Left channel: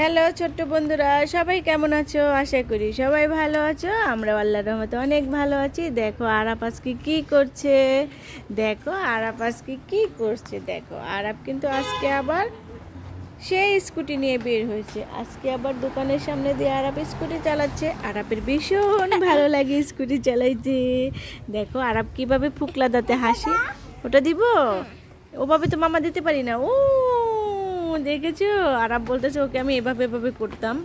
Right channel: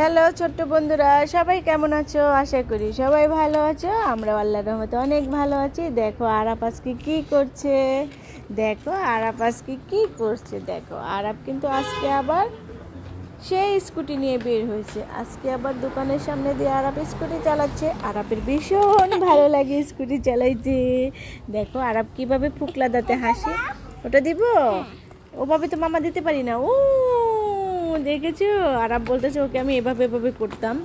Hello ছোট্ট বন্ধুরা, সবাই কেমন আছো? আশা করি সবাই ভালো আছো। আমরা আল্লাহর রহমতে অনেক ভালো আছি। দেখো আরাপ আজকে কি করছে, দেখো আরাপ কিন্তু আজকে আবার সেই স্কুটি নিয়ে বের হয়েছে। আজকে আবার দোকানের সামনে দিয়ে আরাপ স্কুটি চালাচ্ছে। আরাপের ভীষণ ভালো লাগে স্কুটি চালাইতে। দেখো আরাপ কিভাবে ফুকলা দাঁতে হাসি। ওটা দিব, ওভাবে তো মামা দিতে পারি না। ও দেখেছো, আরাপ বলতেছে ওকে আমি এভাবে এভাবে করতাম।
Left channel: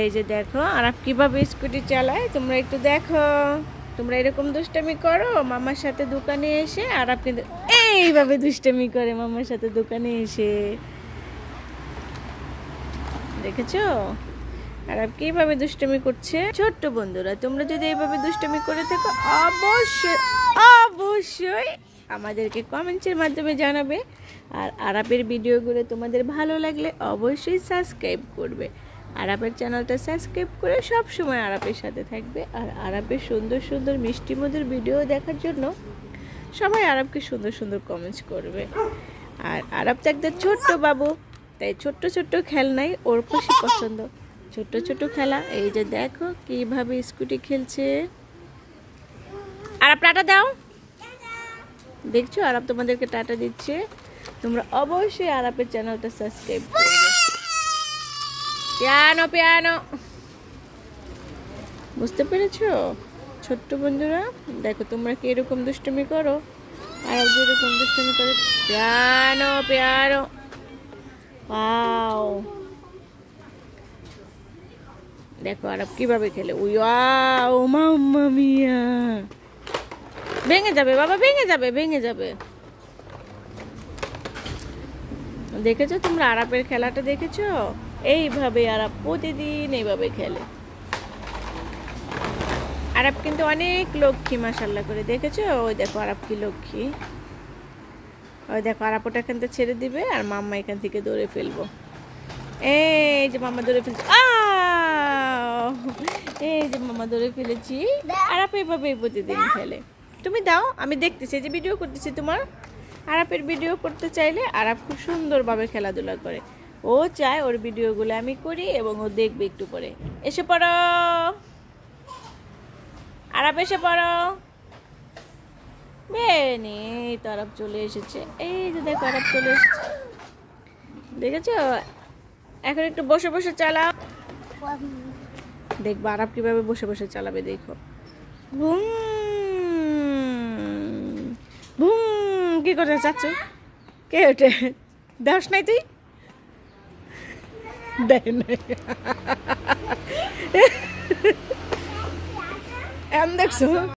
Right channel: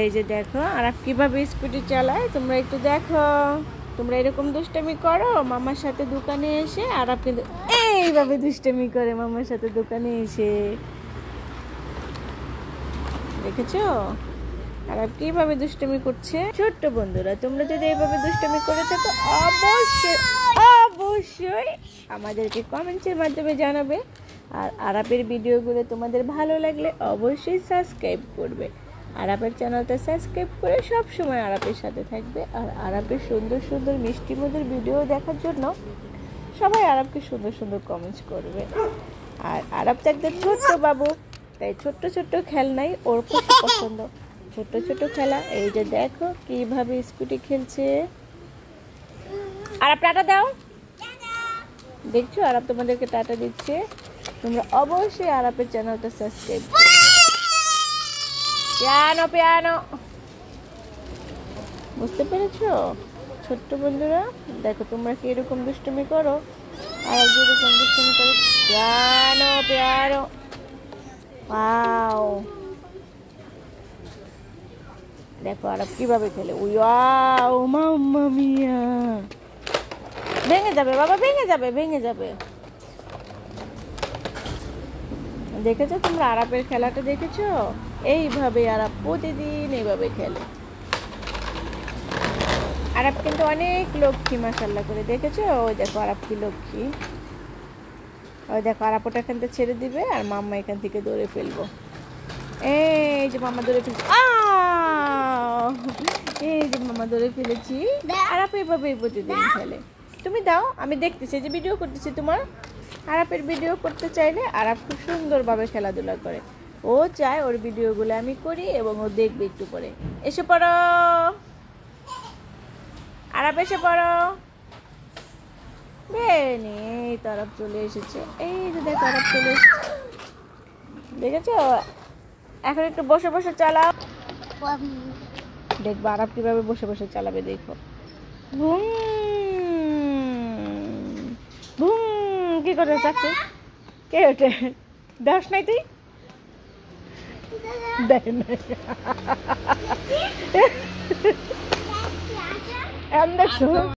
এই যে দেখো আরাপ কিভাবে স্কুটি চালায়, তোমরা একটু দেখো। তোমরা এরকম দুষ্টামি করো মামার সাথে দোকানে এসে। আরাপ কিন্তু এইভাবে দুষ্টামি করে মামার সাথে দোকানে এসে, দেখেছো আরাপ কিভাবে দুষ্টামি করছে। ছোট্ট বন্ধুরা, তোমরা যদি এইভাবে দুষ্টামি করে থাকো অবশ্যই অবশ্যই আমাদেরকে কমেন্টের মাধ্যমে জানাবে। আর আরাপের ভিডিওগুলো তোমাদের ভালো লাগলে অবশ্যই সাবস্ক্রাইব করবে। আরাপের চ্যানেলটা সাবস্ক্রাইব করে সব সময় আরাপের সাথে থাকবে। আর আরাপের সুন্দর সুন্দর মিষ্টি মধুর ভিডিও দেখার জন্য সবাই আরাপকে সুন্দর সুন্দর কমেন্টস করবে। আর আরাপ তো একটা ছোট্ট বাবু, তাই ছোট্ট ছোট্ট খেলনাই ওর খুশি পছন্দ। ছোট্ট ছোট্ট খেলা, এই যে দেখো কিভাবে স্কুটি খেলছে। আরাপ টাটা দাও। দেখছো আরাপ তোমাদেরকে টাটা দিচ্ছে। তোমরা অবশ্যই আরাপের চ্যানেলটা সাবস্ক্রাইব করবে। পিয়ানো পিয়ানো, বুঝতে পেরেছো ছোট্ট বন্ধুরা? দেখো তোমরা কি এরকম দুষ্টুমি করো, আর যেরকম দুষ্টুমি করে। পিয়ানো পিয়ানো, ওয়াও দেখো আরাপ কিভাবে খেলে। ওয়াও মাম্মা মিয়া, ভেঙে যাবে বাবা, ভেঙে যাবে। দেখেছো তোমরা আরাপের খেলাটা দেখেছো? এইভাবে আরাপ প্রতিদিন এইভাবে খেলে। আরাপ কিন্তু অনেক লক্ষ্মী মাশাআল্লাহ করে, দেখেছো? ওই দেখো আরাপ কি লক্ষ্মী। ওই দেখো আরাপ ওটা এখান থেকে ছেড়ে দিবে আর মাম্মা এখান থেকে দৌড়ে ফেলবো। এই যে মাম্মা দৌড়ে ফেলছে, এই যে মাম্মা দৌড়ে ফেলেছি। আরাপ এইভাবে প্রতিদিন খেলে। তুমি দাও, আমি দেখতেছি যে ভিডিও করতেছি তোমার। আরাপের ভিডিও করতে চাইলে আরাপ খুব সুন্দরভাবে খেলাধুলা করে। ও চায় ওর ভিডিওগুলো আমি করি এবং ও দেখবে একটু পরে। এসে পড়ো আরাপ, এসে পড়ো। বেনি তো আরাপ চলে এসেছে। এই যে দেখো আরাপ চলে এসেছে, দেখেছো? এখন একটু বসে বসে চালাও। দেখবো আরাপ কিভাবে বসে বসে চালাবে, দেখো। বুম বুম, কি করে চাচ্ছে? কে ওঠে? দেখ নাই তুই, দেখ নাই দেখছো?